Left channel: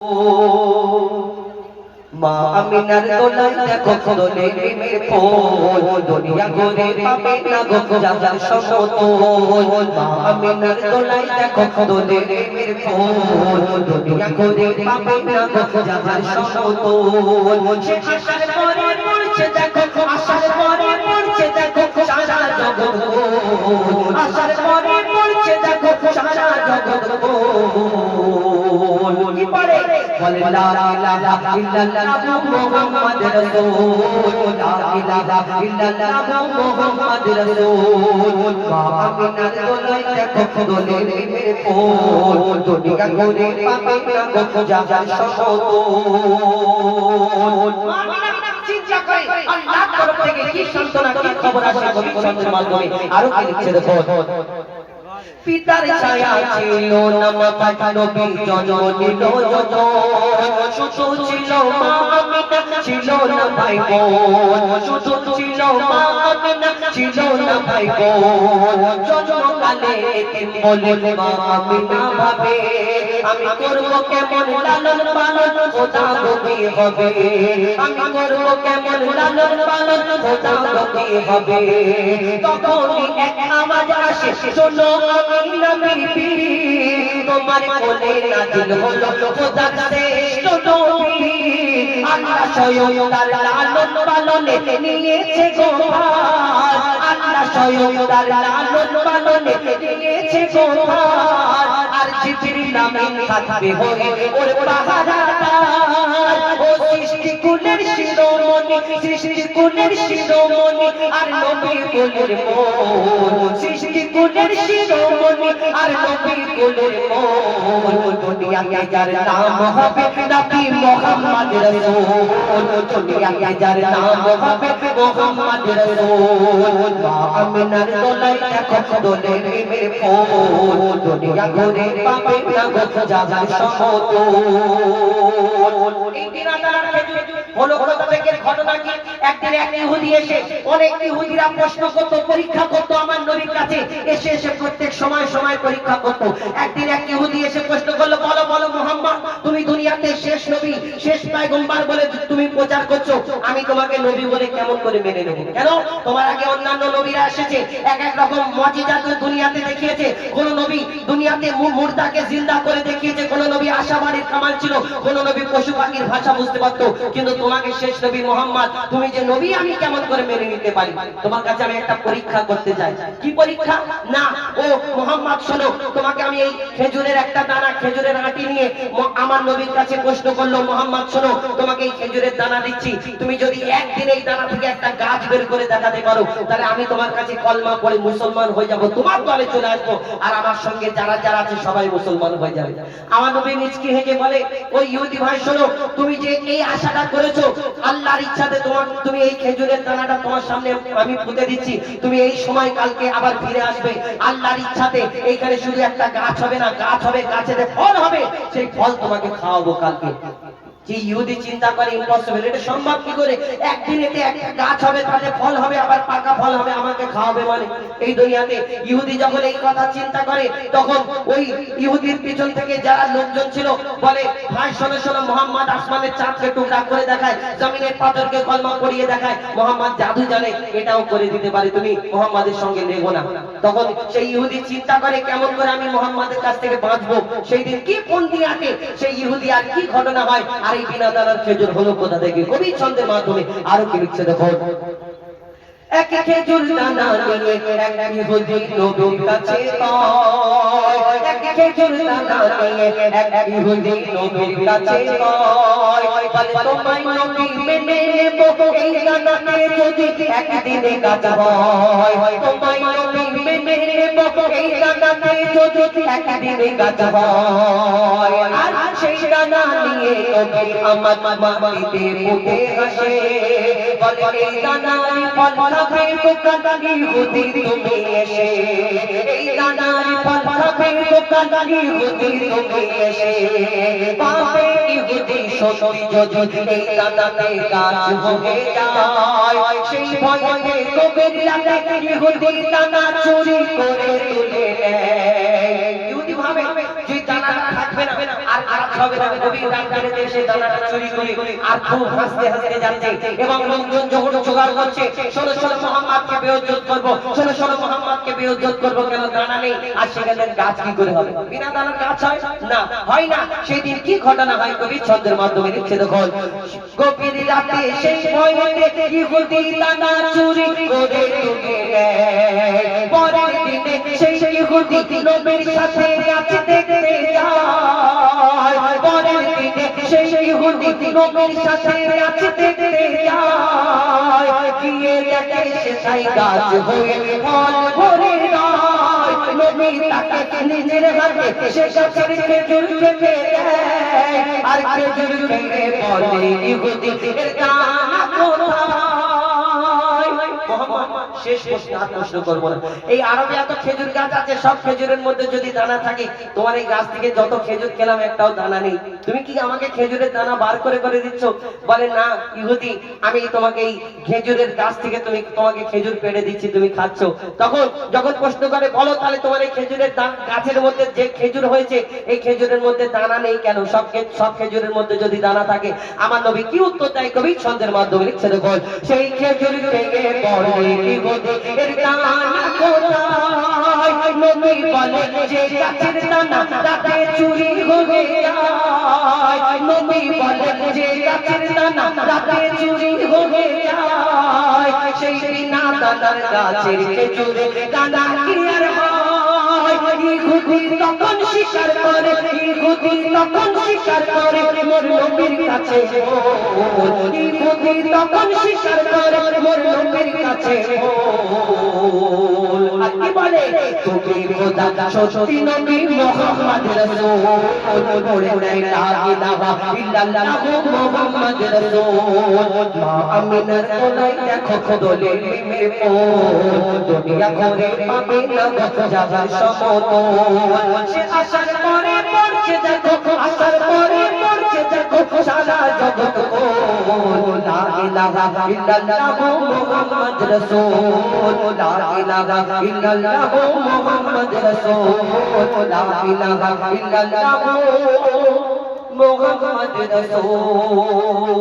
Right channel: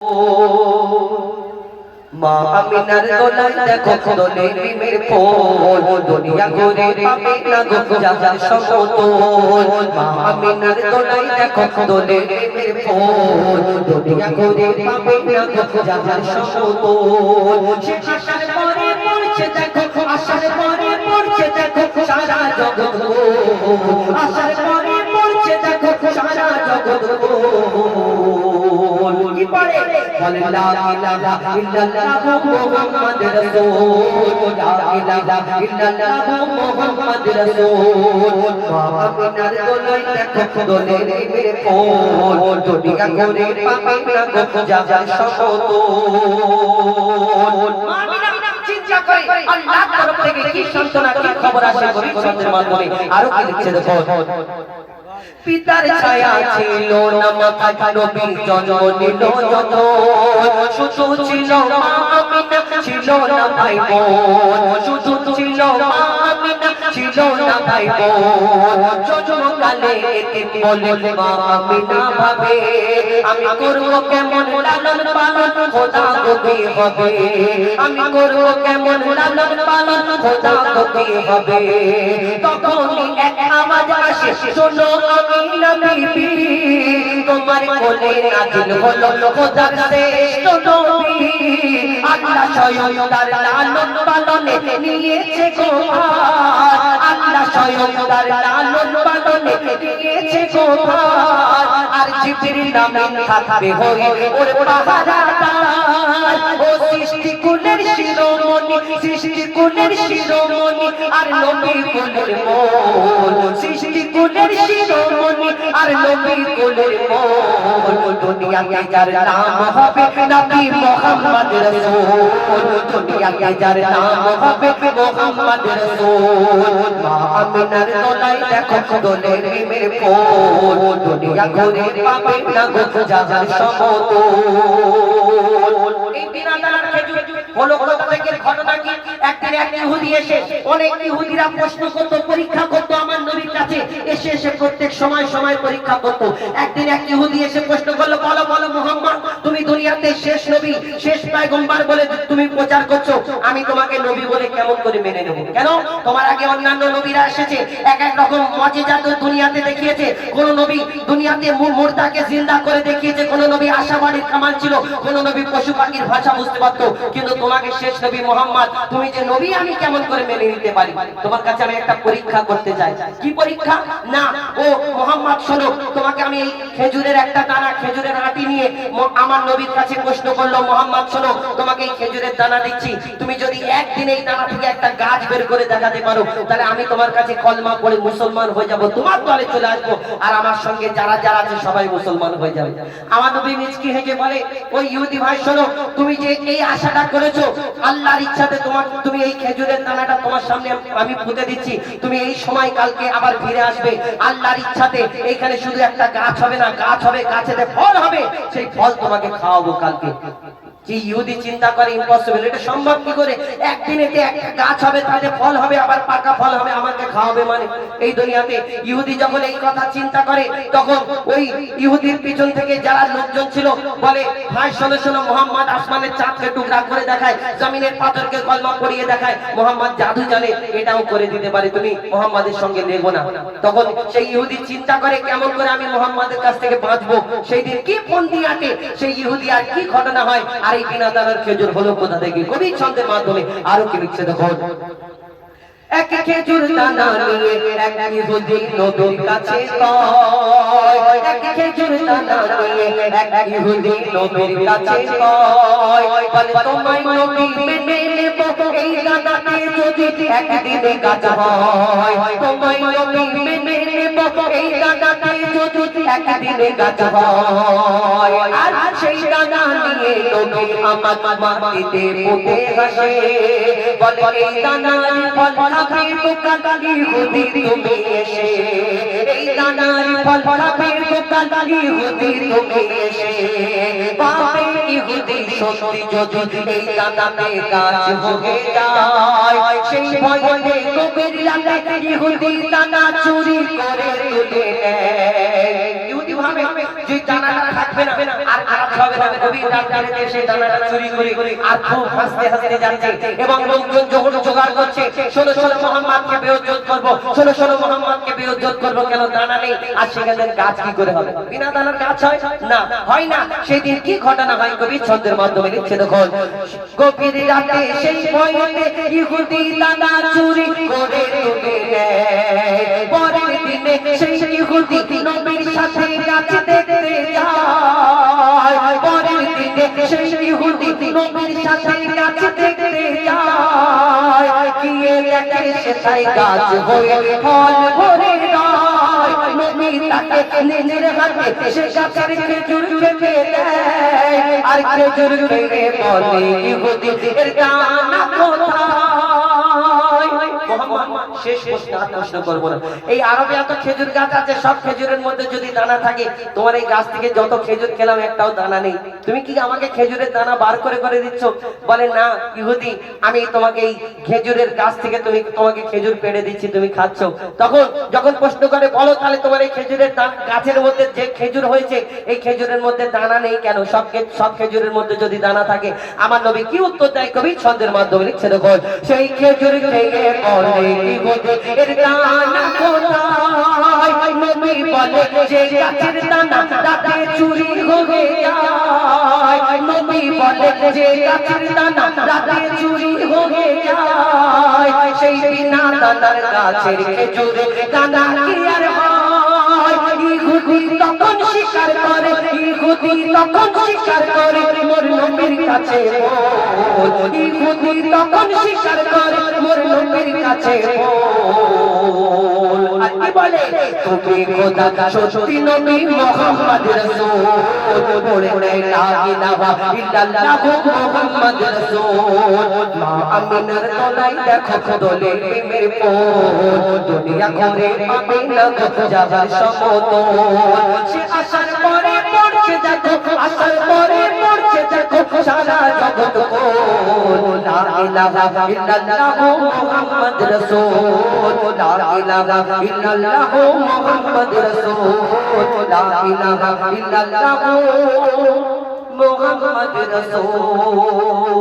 মা আমিনার দোলায় দেখো দোলে প্রেমের ফুল দুনিয়া ঘুরে পাবে না গো যাবার সমতল মা আমিনার দোলায় দেখো দোলে প্রেমের ফুল দুনিয়া ঘুরে পাবে না গো যাবার সমতল সে আশার পরে পড়ছে দেখো আশার পরে পড়ছে দেখো সারা জগৎ আশার পরে পড়ছে দেখো সারা জগৎ কি পড়ে বলে লা ইলাহা ইল্লাল্লাহ মুহাম্মাদুর রাসূল লা ইলাহা ইল্লাল্লাহ মুহাম্মাদুর রাসূল আমিনার দোলায় দেখো দোলে প্রেমের ফুল দুনিয়া ঘুরে পাবে না গো যাবার সমতল আমিনা চিন্তা করে আল্লাহর তরফ থেকে কি সান্তনা কি খবর আসে ভবিষ্যতের মাধ্যমে আরো কি লিখছে দেখো পিতার ছায়া ছিল না মাথায় নবী জন্ম নিল যত শুধু ছিল মা আমিনা ছিল না ভাই বোন শুধু ছিল মা আমিনা ছিল না ভাই বোন জন্মকালে এতিম বলে মা আমিনা ভাবে আমি করব কেমন লালন পালন খোদা গতি হবে আমি করব কেমন লালন পালন খোদা গতি হবে তখনই এক আওয়াজ আসে শোনো আমিনা বিবি তোমার কোলে নাজিল হলো খোদার শ্রেষ্ঠ নবী আল্লাহ স্বয়ং তার লালন পালনে নিয়েছে গো আল্লাহ স্বয়ং তার লালন পালনে নিয়েছে গো আর জিবরিল আমিন থাকবে হয়ে ওর পাহারাদার ও সৃষ্টি কুলের শিরোমণি সৃষ্টি কুলের শিরোমণি আর নবী কুলের মন সৃষ্টি কুলের শিরোমণি আর নবী কুলের মন দুনিয়াতে যার নাম হবে নবী মুহাম্মদ রাসূল দুনিয়াতে যার নাম হবে মুহাম্মদ রাসূল মা আমিনার দোলায় দেখো দোলে প্রেমের ফুল দুনিয়া ঘুরে পাবে না গো যাবার সমতল এই বিরাদার খেজুর হলো কোথা থেকে ঘটনা কি একদিন এক ইহুদি এসে অনেক ইহুদিরা প্রশ্ন করত পরীক্ষা করত আমার নবীর কাছে এসে এসে প্রত্যেক সময় সময় পরীক্ষা করত একদিন এক ইহুদি এসে প্রশ্ন করলো বলো বলো মুহাম্মদ তুমি দুনিয়াতে শেষ নবী শেষ পয়গম্বর বলে তুমি প্রচার করছো আমি তোমাকে নবী বলে কেমন করে মেনে নেব কেন তোমার আগে অন্যান্য নবীরা এসেছে এক এক রকম মুজিজা তো দুনিয়াতে দেখিয়েছে কোন নবী দুনিয়াতে মুর্দাকে জিন্দা করে দেখিয়েছে কোন নবী আশাবাড়ির কামাল ছিল কোন নবী পশু পাখির ভাষা বুঝতে পারতো কিন্তু তোমাকে শেষ নবী মুহাম্মদ তুমি যে নবী আমি কেমন করে মেনে নিতে পারি তোমার কাছে আমি একটা পরীক্ষা করতে চাই কি পরীক্ষা না ও মুহাম্মদ শোনো তোমাকে আমি এই খেজুরের একটা দানা খেজুরের আটি নিয়ে আমার নবীর কাছে প্রশ্ন করলো মুহাম্মদ শোনো তোমাকে এই খেজুরের দানা দিচ্ছি তুমি যদি একদিন এই দানা থেকে একটা গাছ বের করে দেখাতে পারো তাহলে আমি তোমার কাছে কলমা পড়ে মুসলমান হয়ে যাব তোমার দলে চলে আসবো আর আমার সঙ্গে যারা যারা আছে সবাই মুসলমান হয়ে যাবে আমার নবী মিচকি হেসে বলে ওই ইহুদি ভাই শোনো তুমি যে এই আশাটা করেছো আল্লাহর ইচ্ছাতে তোমার তুমি এই খেজুরের দানাটা তোমার সামনে আমি পুঁতে দিচ্ছি তুমি এই সময় কালকে আবার ফিরে আসবে আল্লাহর ইচ্ছাতে এইখানে শুধু একটা গাছ হবে না গাছ হবে গাছেতে ফল হবে সেই ফল তোমাকে খাওয়াবো কালকে কি ইহুদি চিন্তা করে ইম্পসিবল এটা সম্ভব কি করে একদিনেতে একটা গাছ হবে তাতে ফল হবে আবার পাকা ফল হবে আমাকে খাওয়াবে মানে এই দুনিয়াতে ইহুদি যখন এই কথা চিন্তা করে তখন ওই ইহুদির পিছন থেকে যারা লোকজন ছিল বলে ভাই শোনো শোনো মুহাম্মদ আসমানের চাঁদকে টুকরা করে দেখায় জমিনের পাথরকে কলমা পড়িয়ে দেখায় মুহাম্মদ জাদু জানে এটাও করে দিতে পারে তুমি মুহাম্মাদের সঙ্গে লেগো না তখন সেই ইহুদি চিন্তা করে কেমন করে আমি মুহাম্মাদের কাছ থেকে বাঁচবো সেই দিন কি ফন্দি আটে সেই ইহুদি আর কি ঘটনা হয় আর এই বিনাদানের খেজুর হলো কোথা থেকে কবি ছন্দের মাধ্যমে আরো কি লিখছে দেখো এক খেজুর দানা নিয়ে এক ইহুদি নবীর কাছে যায় এক খেজুর দানা নিয়ে এক ইহুদি নবীর কাছে যায় বলে তোমায় নবী মেনে নেব এই দানা নিয়ে যদি একদিনে গাছ হয় তোমায় নবী মেনে নেব এই দানা নিয়ে যদি একদিনে গাছ হয় আর সেই দানা নিয়ে নবী আমার মাটিতে পুঁতে হাসে বলে এই দানার ফল খাবে দোকান ইহুদি তুমি এসে এই দানার ফল খাবে দোকান ইহুদি তুমি এসে পাবে ইহুদি সত্যি যদি এই দানাতে গাছ হয়ে যায় সেই ভয়ে কবির লাগে ইহুদি দানা চুরি করে তুলে নেয় ইহুদি ভাবে যে দানাটা থাকবে না আর কাজ হবে না নবী রাত করে সেই দানাটা চুরি করে আর খুব হাসতে হাসতে যাচ্ছে এবং লোকজন যখন জোগাড় করছে ষোলো মুহাম্মদকে বেইজ্জত করব ষোলো মুহাম্মদকে বেইজ্জত করব কেন দানা নেই আর সেখানে গাছ কি করে হবে বিনা দানার গাছ হয় না হয় না সেই দিন কি ঘটনা হয় কবি ছন্দের মাধ্যমে লিখছে দেখুন গভীর রাতে সেই ভয়তে ইহুদি দানা চুরি করে তুলে নেয় পরের দিনে সেই ইহুদি নবীর সাথে গাছ দেখতে যায় পরের দিনে সেই ইহুদি নবীর সাথে গাছ দেখতে যায় গিয়ে দেখে সেটাই গাছ হয়ে ফল ভরে যায় নবী তাকে নিজের হাতে সে গাছের খেজুর খেতে দেয় আর খেজুর খেয়ে বলে ইহুদি এর দানা কোথায় শেষ প্রশ্ন করব না এই আরবে এত খেজুর গাছ আছে সব খেজুরের মধ্যে যদি দানা থাকে তোমার এই গাছ থেকে যত খেজুর খেলাম একটাও দানা নেই তুমি কি আমাকে খেজুরের দানা বার করে দিচ্ছ বলে না ইহুদি আমি তোমাকে এই খেজুরের গাছ থেকে তোমাকে খেজুর পেড়ে দিচ্ছি তুমি খাচ্ছ তখন যখন প্রশ্ন করে বলো তাহলে তোমার এই খেজুরের গাছের মধ্যে যে খেজুর হয়েছে এই খেজুরের মধ্যে দানা নেই কেন সব খেজুরের মধ্যে যদি দানা থাকে আমার নবী কি উত্তর দেয় কবি ছন্দের মাধ্যমে লিখছে দেখুন সেই খেজুর খেয়ে বলে এর দানা কোথায় নবী বলে যে গাছের দানা রাতে চুরি হয়ে যায় নবী বলে যে গাছের দানা রাতে চুরি হয়ে যায় সেই বিনা দানার গাছের খেজুরে দানা কি আর হয় ইহুদি তখন স্বীকার করে ইহুদি তখন স্বীকার করে মোর নবীর কাছে ইহুদি তখন স্বীকার করে মোর নবীর কাছে কি বলে তুমি খোদা সত্যি নবী মুহাম্মদ রাসূল বলে লা ইলাহা ইল্লাল্লাহ মুহাম্মদ রাসূল মা আমিনার তলায় দেখো দোলে প্রেমের পোল দুনিয়া ঘরে পাবে না যাবার সমতল সে আসার পরে পড়ছে দেখো আসার পরে পড়ছে দেখো সারা জগৎ কোল লা ইলাহা ইল্লাল্লাহ মুহাম্মদ রাসূল লা ইলাহা ইল্লাল্লাহ মুহাম্মদ রাসূল লা ইলাহা ইল্লাল্লাহ মুহাম্মদ রাসূল